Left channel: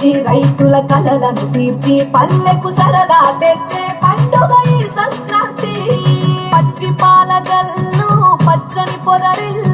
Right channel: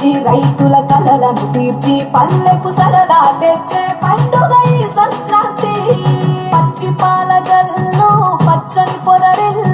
వచ్చి రైతుల కలలను తీర్చి పల్లెకు సరదా తెచ్చే పండుగ ఈ సంక్రాంతి. పచ్చి పాల జల్లు పచ్చని పొదరిల్లు